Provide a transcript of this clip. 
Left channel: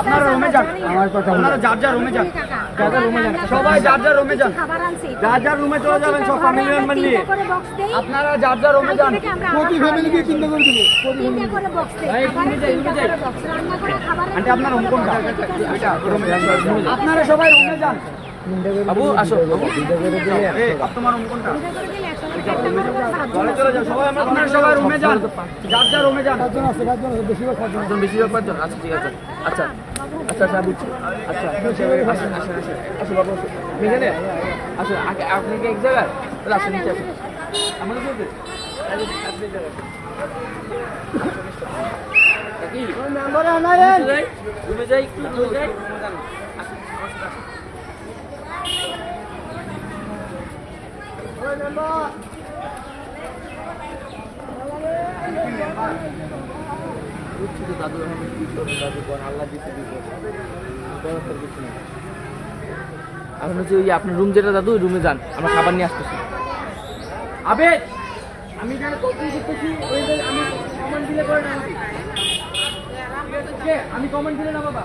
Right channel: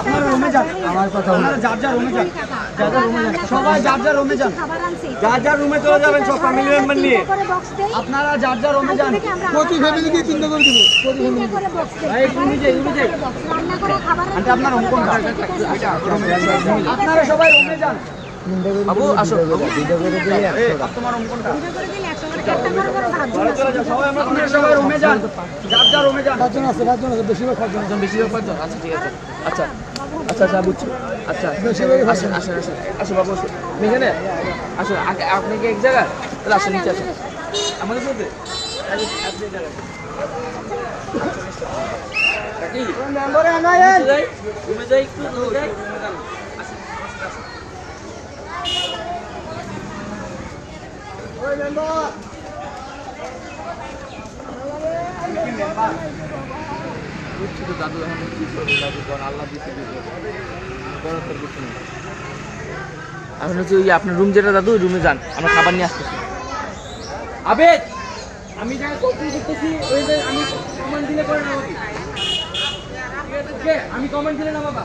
আপনারা রুমে যান, আমার কথা আপনারা যার যার রুমে যান, সবাই যার যার রুমে যান, যার যার রুমে চলে যাবেন সব ফ্যামিলি মেম্বার নিয়ে। আপনারা যার যার রুমে যান, প্রতি ফ্যামিলিকে চিন্তা করে দিব, চিন্তা করে বক্স দেই। ভাই রুমে যাই, রুমে যাই, রান্না করে খাবার আনতে। আপনার রুম কোনটা? ওইটা রুমে যান, আপনারা সবাই রুমে যান। বাবু আসো, ভিডিও করে দিলে 100 টাকা। তোমার রুম কোনটা? ভিডিও করে দিলে 100 টাকা। একটা করে ভাত চলে যাও, সবাই আপনারা সবাই রুমে যান, যার যার রুমে যান। কতজন আছে? বেশিরভাগ কতজন? বেশিরভাগ কতজন? আচ্ছা ঠিক আছে, আচ্ছা আচ্ছা আচ্ছা বুঝছি। আচ্ছা আসেন আসেন আসেন, আসো বাবু আসো, এখানে আসো। আগে আপনাকে এক জায়গায় তাহলে আসো, নিচে আসেন আমাদের সাথে। রুমে যাই, আসেন আমার সাথে আসেন। দাদু এখন হচ্ছে ওই আপনার রুম যেটা দাদু, ওই রুমে যান, আমরা খাবার নিয়ে আসতেছি। আবেদ আমি যারা কমেন্ট করতেছি, ওই যে আমি কমেন্ট দিলে করে না, ঠিক আছে? আমি কমেন্ট দিলে না বাবা।